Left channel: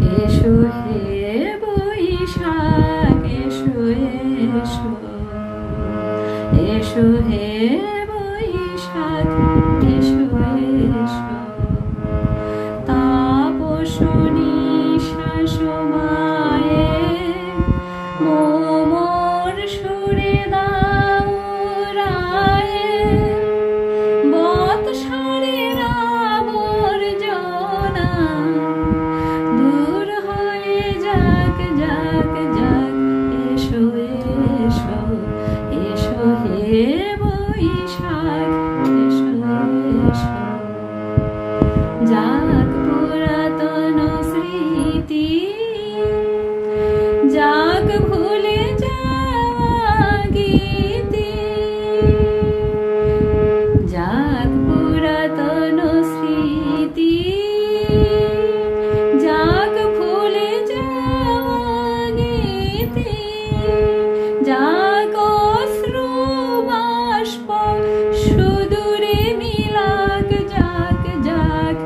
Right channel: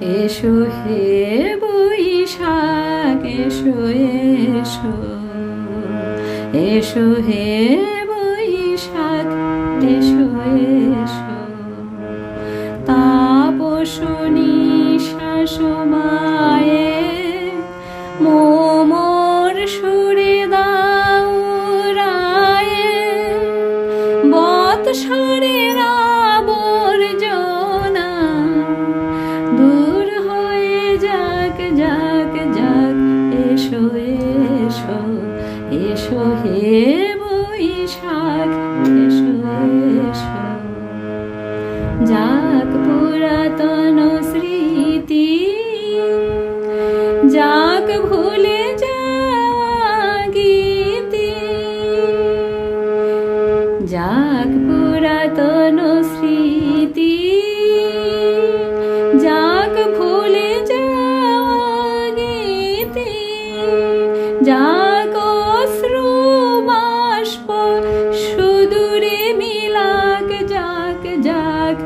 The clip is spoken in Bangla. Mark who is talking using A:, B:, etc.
A: এসো হে বৈশাখ, এসো এসো। এসো হে বৈশাখ, এসো এসো। তাপসনী শাসমায়ে মোমর সুরে দাও রায়ে। বৎসরের এসো হে বৈশাখ, এসো এসো। যাক পুরাতন স্মৃতি, যাক ভুলে জাগিতি। যাক পুরাতন স্মৃতি, যাক ভুলে জাগিতি। যাক